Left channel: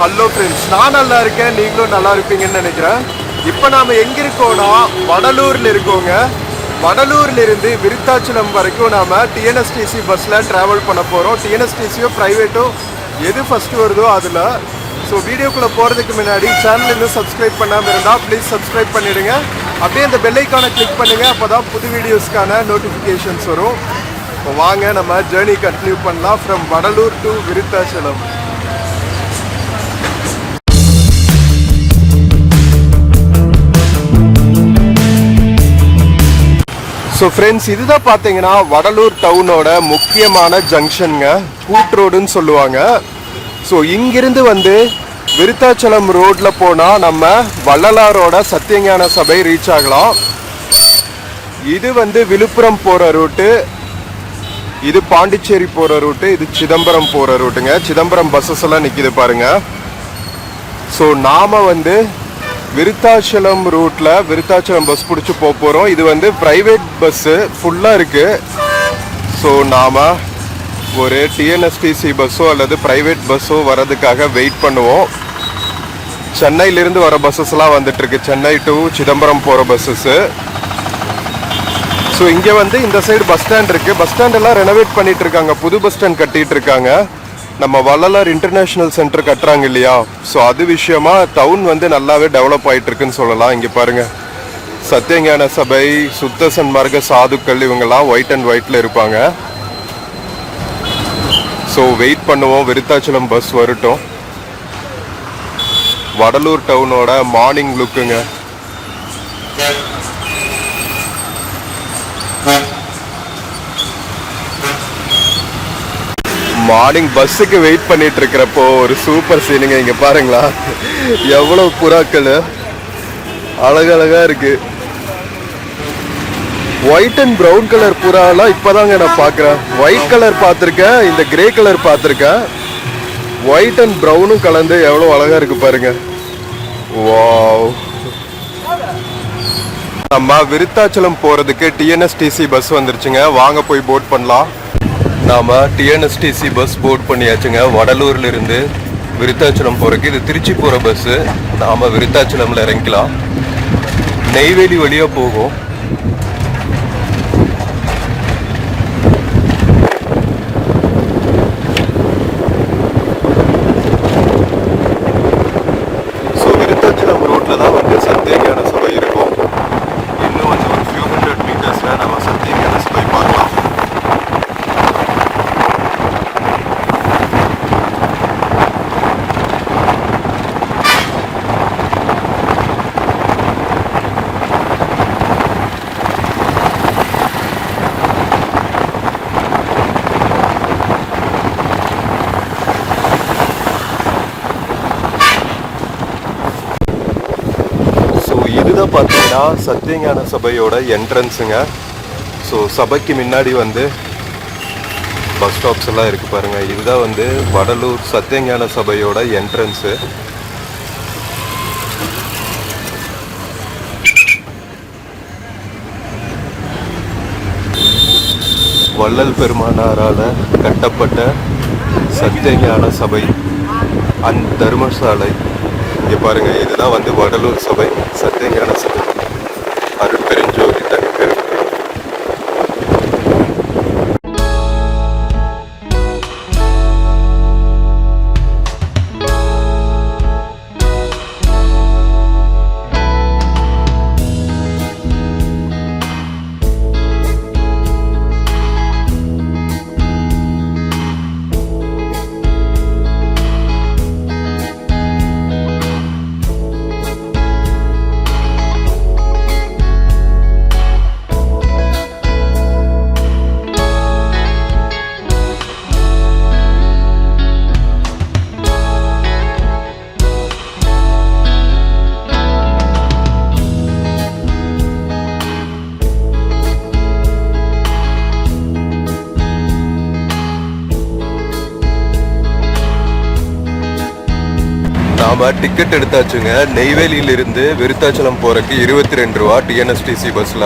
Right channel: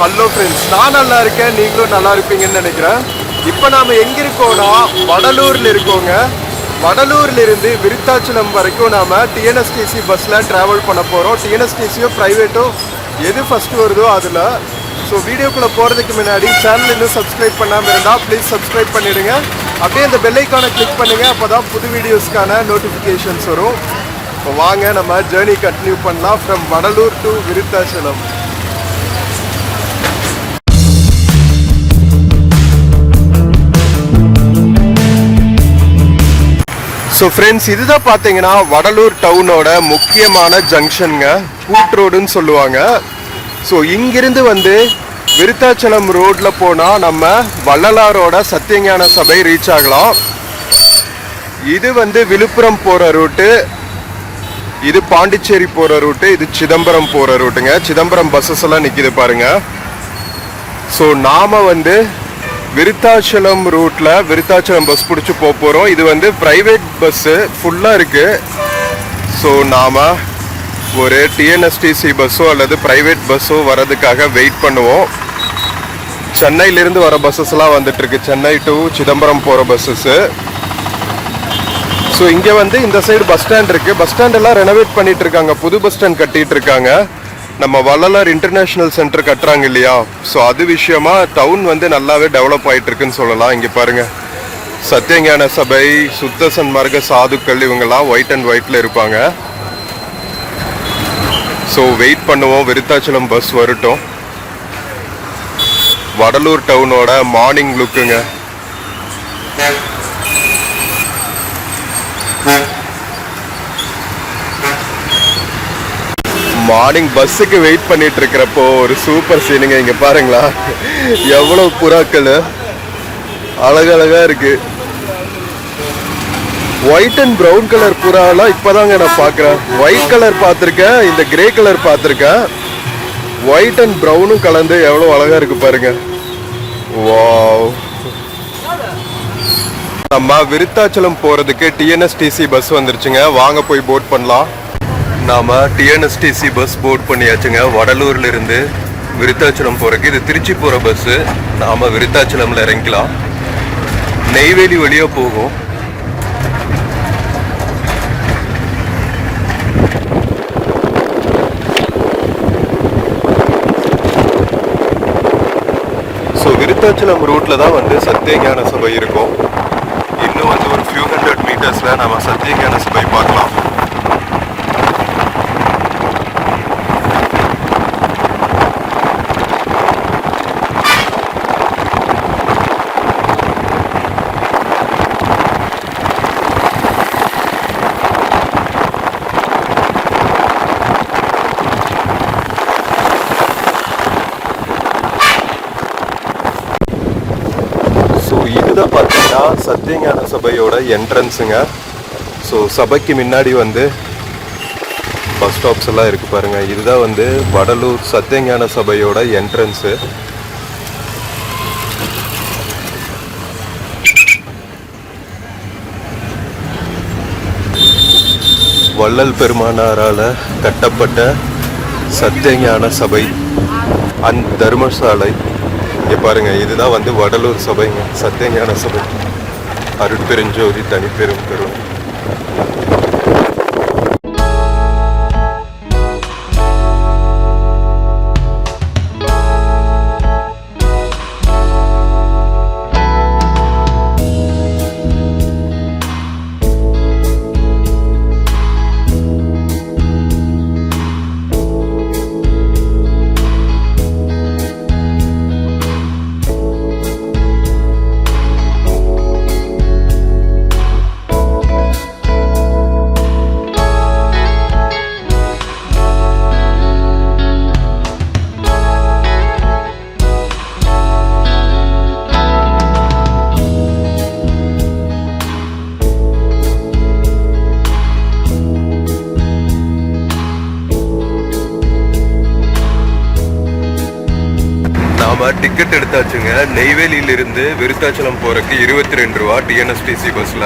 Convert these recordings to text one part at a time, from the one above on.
Hello friends, நான் நல்லா இருக்கேன், நீங்களும் நல்லா இருப்பீங்கன்னு நினைக்கிறேன். இப்போ நாம் எங்கே இருக்கோம்னா வடலூரில் இருக்கோங்க. வடலூர்ல இருந்து விருத்தாச்சலம் வரைக்கும் நாம் டிஎன்எஸ்டிசி பஸ்ஸில் ட்ராவல் பண்ண போகிறோம். டிஎன்எஸ்டிசியோ ப்ரைவேட்டோ எது ஃபஸ்ட்டு வருதோ அதில். ஸோ வீடியோக்குள்ளே போகிறதுக்கு முன்னாடி சேனல் இன்னும் சப்ஸ்கிரைப் பண்ணாமல் இருந்தால் ப்ளீஸ் சப்ஸ்கிரைப் பண்ணிவிடுங்க. அப்படியே அந்த பெல்லைக்கானை கிளிக் பண்ணுங்கள், அப்போ தான் புது வீடியோஸ்க்கான நோட்டிஃபிகேஷன்ஸ் வரும். இப்போ வாங்க நம்ம ஜேர்னி கண்டினியூ பண்ணலாம் from Vadalur to Virudhachalam. So friends, இதுதான் பார்த்தீங்கன்னா வடலூர் டவுனோட முக்கியமான ஜங்ஷனுங்க, கூட் ரோடுன்னு சொல்லுவாங்க. ஸோ இங்கிருந்து வந்து விருத்தாச்சலம் ரோட்டில் போனால் நம்ம வள்ளலாரோட சத்தியஞான சபை ரீச் ஆகலாம். இது வந்து விழுப்புரம் போகிற ரூட்டு, இது பாண்டிச்சேரி போகிற ரூட்டு, இது சிதம்பரம் போகிற ரூட்டுங்க. சிதம்பரம் பஸ்ஸஸ் எல்லாம் நிற்கிது பாருங்க. ஸோ நாம் வந்து விருத்தாச்சலம் ரூட்டில் விருத்தாச்சலம் பஸ் பிடிச்சி போகிறோம். இது வந்து ப்ரைவேட் பஸ்ஸு ஃபுல்லாக இருக்குது. ஸோ நாம் ஒரு டிஎன்எஸ்டிசி பஸ்ஸோ அல்லது ப்ரைவேட் பஸ்ஸோ வர்றதுக்காக வெயிட் பண்ணுவோம். சென்னையிலேருந்து வர பஸ்ஸஸ்லாம் வந்துட்டுருக்கு, சென்னை டு சிதம்பரம் போகிற பஸ்ஸஸ்ஸு. ஸோ இங்கே வந்து இந்த சைடு பஸ் ஸ்டாண்ட் இருக்குது. பஸ் ஸ்டாண்டெல்லாம் ரெனோவேட் பண்ணிகிட்டு இருக்காங்க, புது பஸ் ஸ்டாண்ட் கட்டிகிட்டு இருக்காங்க. நம்ம வள்ளலார் இன்டர்நேஷ்னல் சென்டர் கட்டுறாங்க இல்லையா, ஸோ அது விஷயமா டவுன் வந்து நல்லாவே டெவலப் ஆகிட்டு இருக்குன்னு சொல்லலாம். இங்கே பாருங்க, சத்தியஞான சபை, சுத்த சன்மார்க்க சாதுக்கள் இவங்கெல்லாம் ஒயிட் அண்ட் ஒயிட்ல இருப்பாங்க. ஸோ வெயிட் பண்ணுவோம், விருத்தாச்சலம் பஸ் வரட்டும். வடலூர் டவுனோட மார்னிங் லுக்குங்க. மார்னிங் பஸ்ஸுக்கு வெயிட் பண்ணிட்டு இருக்கிறப்போ ஒரு சூப்பர் சீனுங்க. இங்க பாருங்களா, எவ்வளவு புறாக்கள் அழகழகா இருக்கு. ஒயிட் அண்ட் ப்ரௌன் கலர் புறாலாம் இப்பதாங்க நான் பாக்குறேன். ஒயிட் கலர் பார்த்துருக்கேன், இந்த கிரே கலர் பார்த்துருக்கேன். ஒயிட் அண்ட் ப்ரௌனும் கலந்து எவ்வளவு அழகா இருக்கு பாருங்க. வாவ். நம்ம விருத்தாச்சலம் போறதுக்கு டிஎன்எஸ்டிசி பஸ் வந்துருச்சுங்க, வாங்க போய் போட் பண்ணலாம். நாம் டிஎன்எஸ்டிசி பஸ் போர்ட் பண்ணியாச்சுங்க. வடலூர்ல இருந்து விருத்தாச்சலம் போகிறதுக்கு இது திருச்சி போகிற பஸ்ஸு. நாம் விருத்தாச்சலமில் இறங்கிக்கலாம், நெய்வேலி வழியாக போகும். ஸோ விருத்தாச்சலம் ரூட்டில் தான் வந்து சத்தியஞான சபை இருக்கும். இன்னும் வந்து ஒரு ஃபியூ 100 மீட்டர்ஸில் நம்ம சத்தியஞான சபை பார்க்கலாம். இதுதான் பார்த்தீங்கன்னா சத்தியஞான சபையோட என்ட்ரன்ஸுங்க. ஸோ சபைக்கு முன்னாடி வந்து பஸ் ஸ்டாப்ஸ் எல்லாம் இருக்கு பாருங்க. இதுதான் வந்து வடலூர் சத்தியஞான சபையோட என்ட்ரன்ஸு. வள்ளல் பெருமானாரால் கட்டப்பட்ட சத்தியஞான சபை அண்ட் தர்மசாலை. இங்கே பாருங்க, இதுதான் வந்து வடலூர் சபைங்க, சத்தியஞான சபை. அருட்பெருஞ்சோதி தனிப்பெரும் கருணை. நாம டிக்கெட் எடுத்தாச்சுங்க. நெய்வேலியிலிருந்து விருத்தாச்சலம் போறதுக்கு 22 ரூபா டிஎன்எஸ்டிசி பஸ்ல.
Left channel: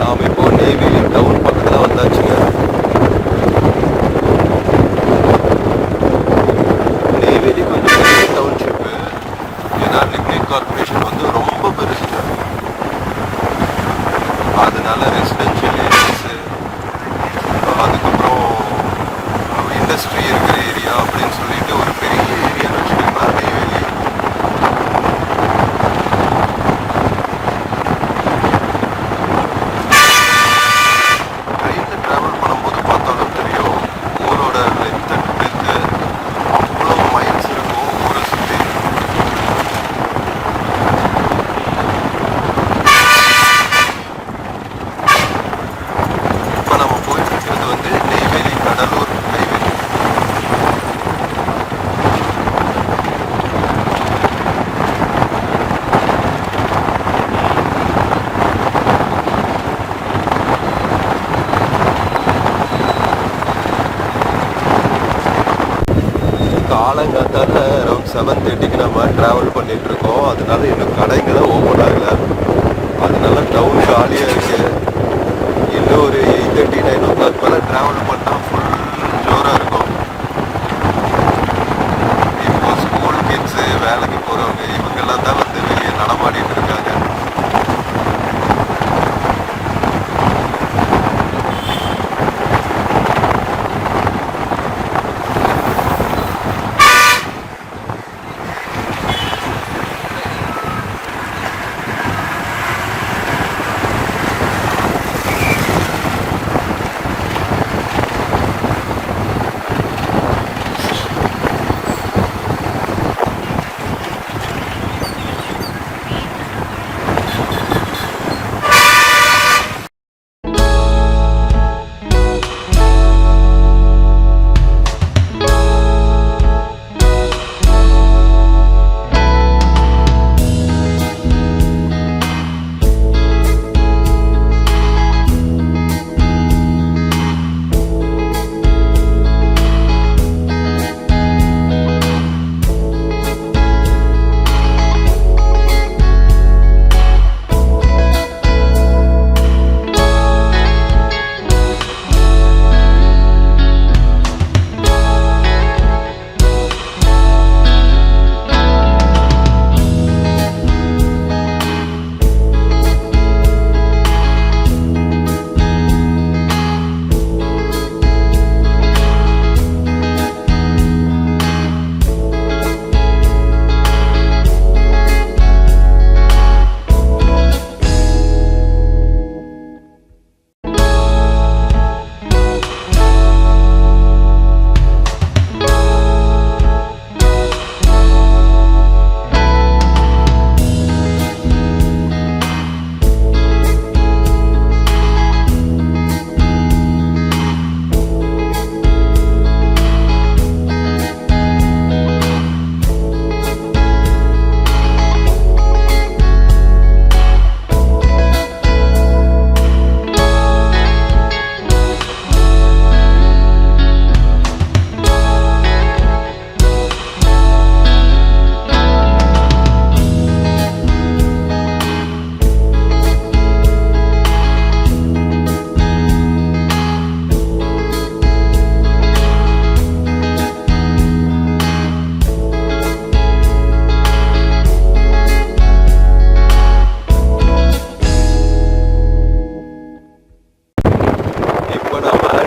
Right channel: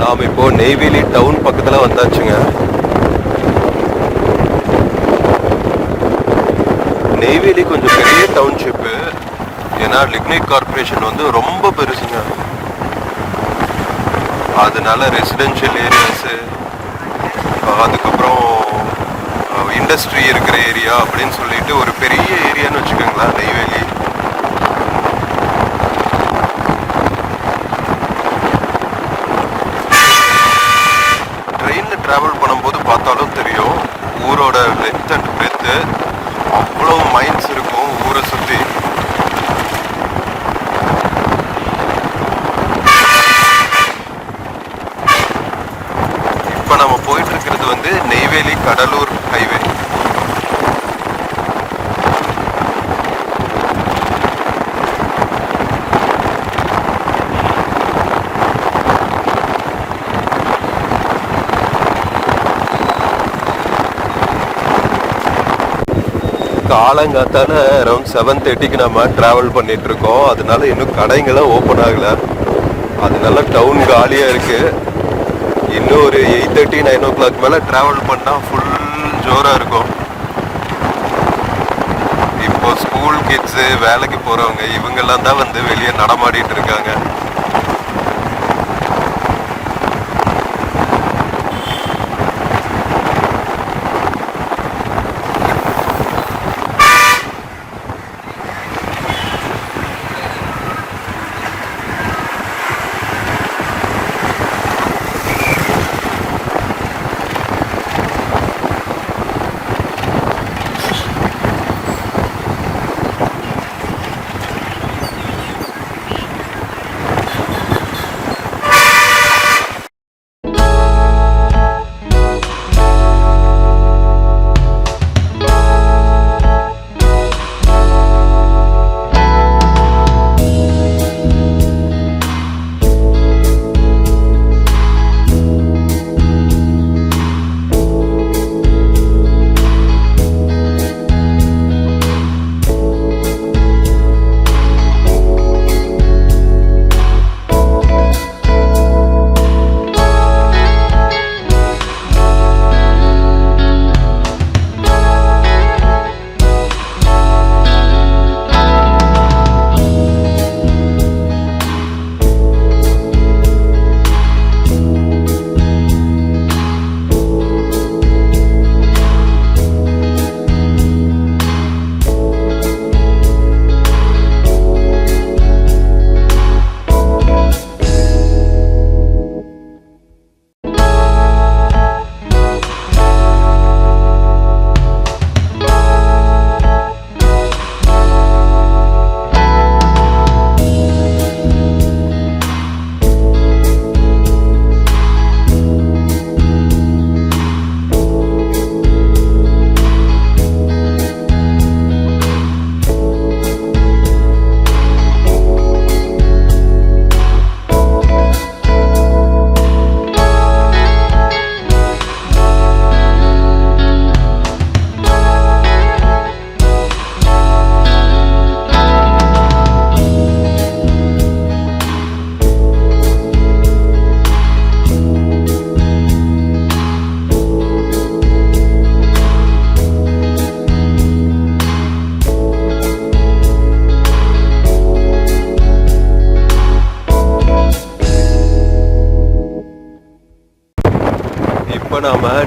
நாம் இப்போ நெய்வேலி டவுன் பக்கத்தில் வந்தாச்சுங்க. நெய்வேலி கொஞ்சம் பெரிய டவுன்ஷிப்பு. ஏன்னா லிக்னைட் கார்பரேஷன் வந்து ரொம்ப பெருசுங்க. அதனால ரெசிடென்ஷியல் ஏரியாஸு, அதுக்கப்புறம் இண்டஸ்ட்ரி இருக்கிற ஏரியா அப்படின்னு சொல்லிட்டு ஒரு பெரிய ஏரியான்னு வச்சுக்கோங்களேன் நெய்வேலி. ட்ரெயினில் ட்ராவல் பண்ணும்போது பார்த்தாலும் தெரியும் ஊரோட லென்த் அண்ட் பிரெத்து. அவ்வளோ மைல்ஸ் இருக்கும் ஊரை சுற்றி. இப்போ நம்ம போயிட்டு இருக்கிறது வந்து நெய்வேலி கடலூர் ஹைவே. காலங்காத்தால அரௌண்ட் 7:30க்கு நம்ம ட்ராவல் பண்ணிட்டு இருக்கோம். அதனால இன்னும் கடைங்களாம் ஓப்பன் ஆகலை. அதனால டவுன் காலியாக இருக்குது. இன்னும் ஒரு 8:30 9 o'clock மேலே ட்ராவல் பண்ணால் ஃபுல் ஜோராக இருக்கும். இப்போ ஸ்கூல் கிட்ஸு, வேலைக்கு போகிறவங்க இவங்கெல்லாம் தான் வந்து வெளியே நடமாடிட்டு இருக்காங்க.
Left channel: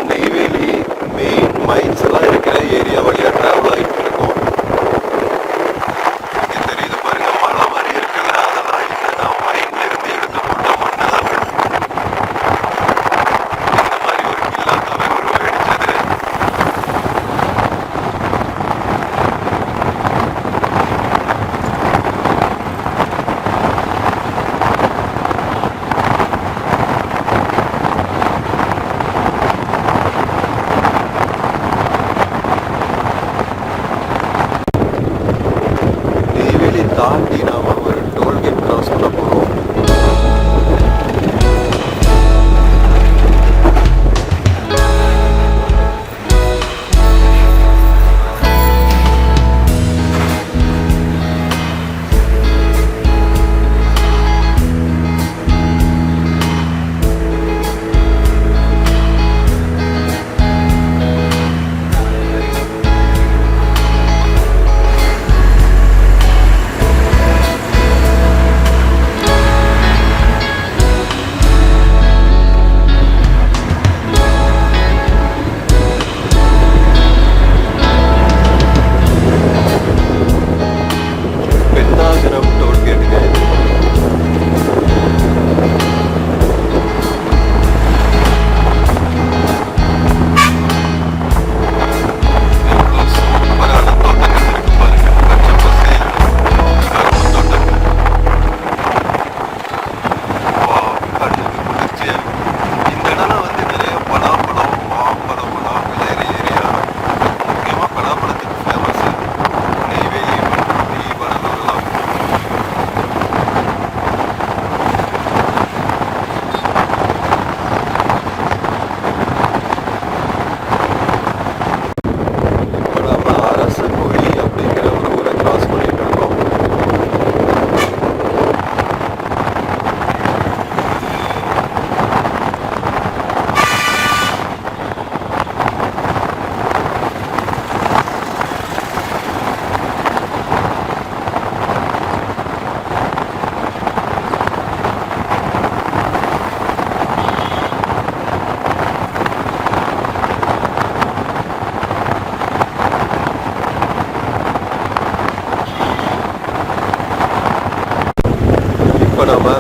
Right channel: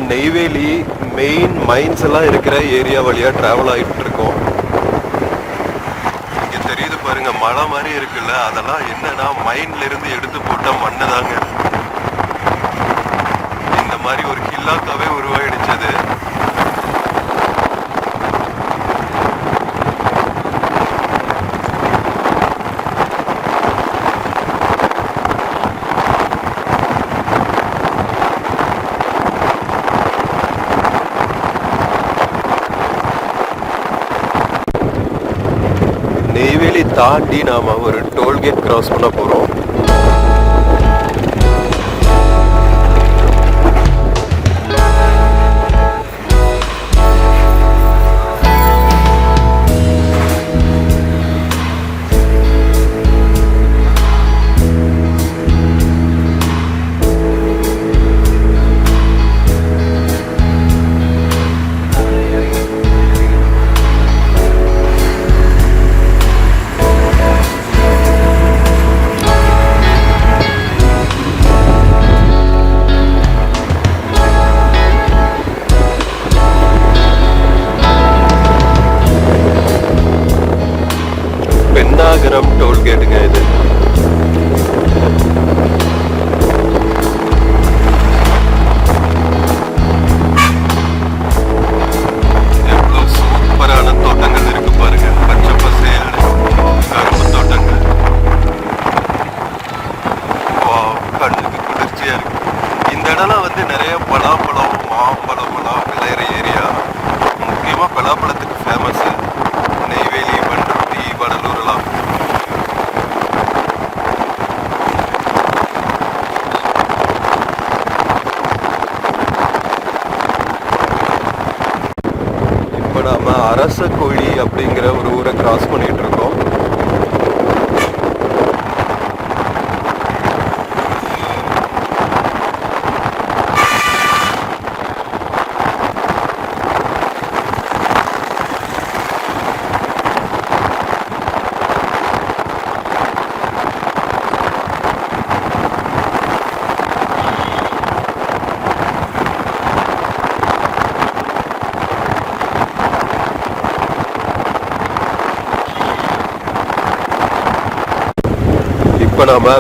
நெய்வேலி மெயின் மைன்ஸ் எல்லாம் இருக்கிற ஏரியா வழியா டிராவல் ஆகிட்டு இருக்கோம். இங்க தெரியுது பாருங்க, மலை மாதிரி இருக்குல்ல, அதெல்லாம் என்னன்னா மைன்ல இருந்து எடுத்து போட்ட மண்ணு தாங்க. இந்த மாதிரி ஒரு கில்லாக்காவே உருவாயிடுச்சது. நெய்வேலி தாண்டி நாம ஒரு டோல்கேட் கிராஸ் பண்ண போறோம்.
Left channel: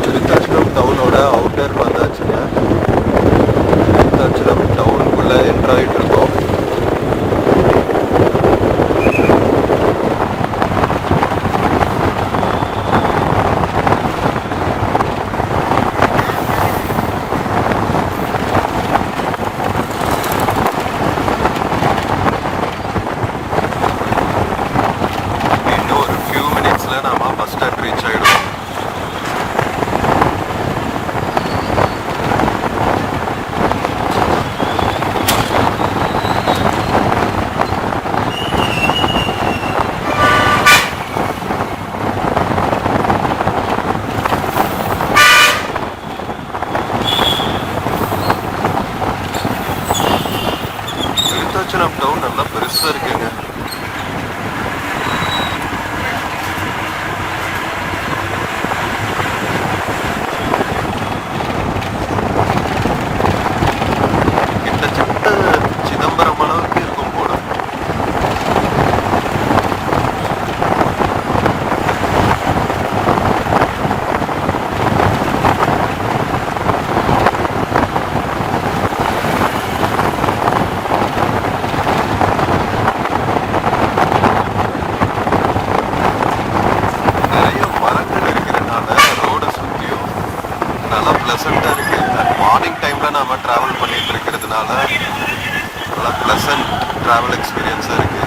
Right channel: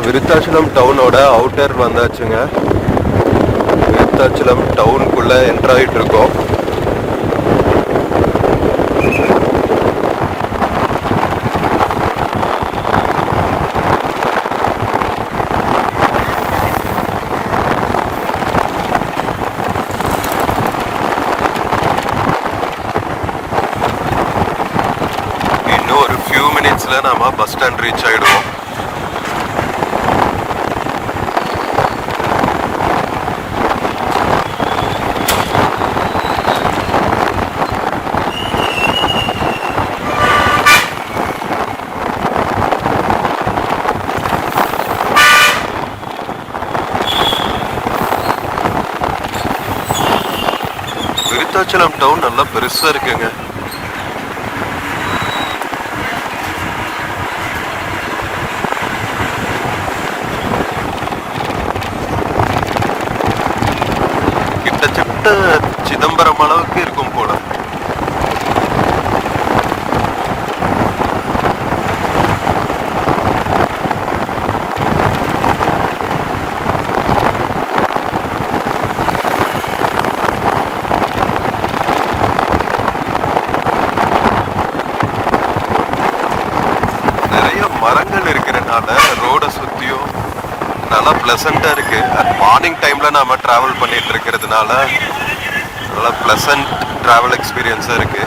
விருத்தாச்சலம் டவுனோட அவுட்டர் வந்தாச்சுங்க. விருத்தாச்சலம் டவுனுக்குள்ள என்டர் ஆகிட்டு இருக்கோம். இன்னும் ஒரு ஃபியூ மினிட்ஸ்ல நாம பஸ் ஸ்டாண்ட் ரீச் ஆயிடுவோம். விருத்தாச்சலம் டவுன் நல்லா பெருசா இருக்குங்க. கிட்டத்தட்ட சிதம்பரம் அளவுக்கு இருக்கும் போல. மரங்கள் இருக்கிறதுனால ரோட சுத்தியும் நல்லா பிளசண்டா இருக்கு. மார்னிங் டைம்ல நாம டிராவல் பண்ணிட்டு இருக்கிறதுனால நல்லா பிளசன்ட் டிராவல் எக்ஸ்பீரியன்ஸா இருக்கு.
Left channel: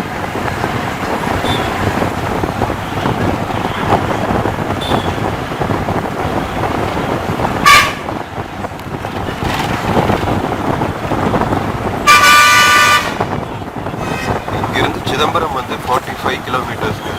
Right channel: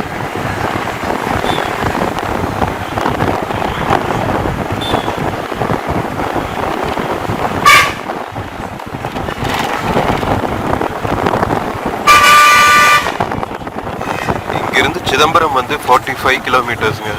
இங்கிருந்து சிதம்பரம் வந்து 45 கிலோமீட்டர்ஸ்ங்க.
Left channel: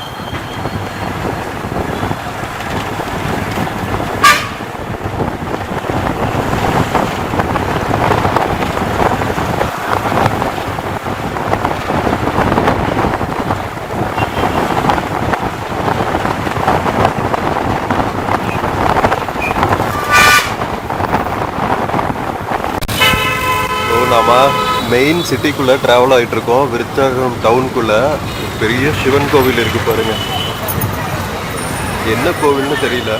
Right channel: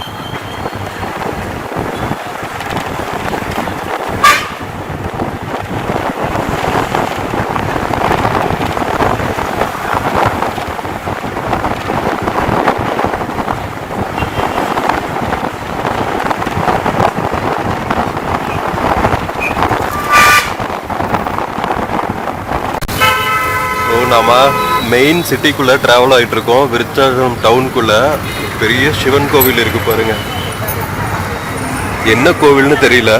நாம மெயின் சிட்டிக்குள்ள டிராவல் ஆகிட்டு இருக்கோம். விருத்தாச்சலம் டவுனுக்குள்ள பெரிய சிவன் கோவில் இருக்கு பாருங்க. என்ன கோவில்னு தெரியல.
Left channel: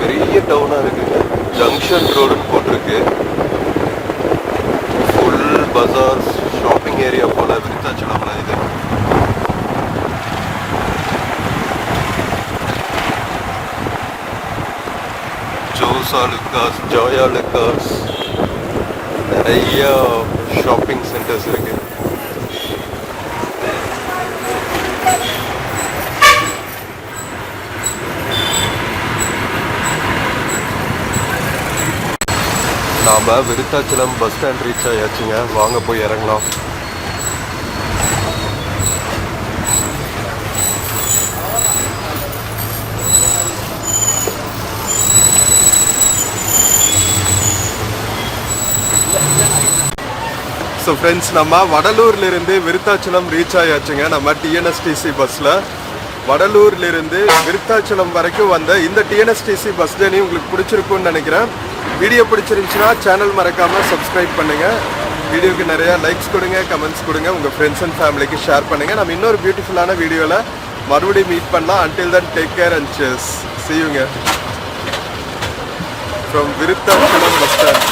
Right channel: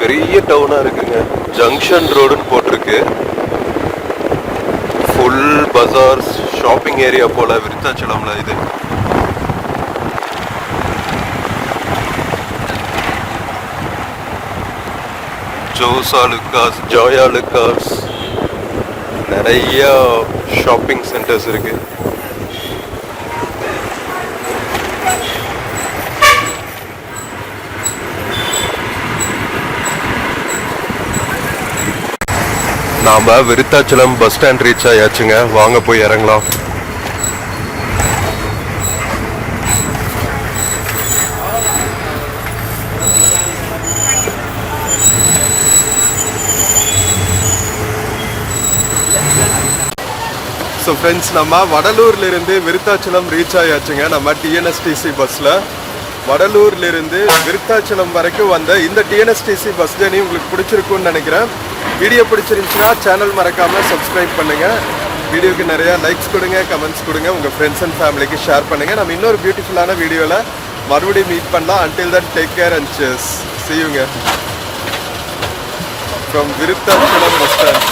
பெரிய டவுனா இருக்குங்க. ஜங்ஷன் ரோடுன்னு போட்டிருக்கு. ஃபுல் பஜார்ஸ் ஷாப்பிங் ஏரியா போல விருத்தாச்சலம்ல இது. ஜோசா லுக்காஸ், ஜோயா லுக்காஸ், நிறைய ஷாப்பிங் சென்டர்ஸ் இருக்கு. நாம விருத்தாச்சலம் பஸ் ஸ்டாண்ட் ரீச் ஆயாச்சுங்க. வாங்க போய் இறங்கலாம். ஸோ ஃப்ரெண்ட்ஸ், நம்ம வடலூர்லேருந்து விருத்தாச்சலம் ரீச் ஆயாச்சுங்க. நம்ம டிஎன்எஸ்டிசி பஸ்ஸில் வடலூர்லேருந்து விருத்தாச்சலம் வரைக்கும் வந்த இந்த டிஎன்எஸ்டிசி பஸ் ஜர்னி உங்களுக்கு பிடிச்சிருக்குன்னு நினைக்கிறேன். வீடியோ பிடிச்சிருந்துச்சுன்னா சேனல் மறக்காமல் சப்ஸ்கிரைப் பண்ணுங்கள். வீடியோக்கு நிறையா லைக்ஸ் கொடுங்க, கமெண்ட்ஸ் கொடுங்க, உங்கள் ஃப்ரெண்ட்ஸ் அண்ட் ஃபேமிலிக்கு ஷேர் பண்ணுங்கள். நம்ம இன்னொரு பியூட்டிஃபுல்லான வீடியோவில் மறுபடியும் மீட் பண்ணலாம். Until then take care and cheers. See you from Virudhachalam bus stand.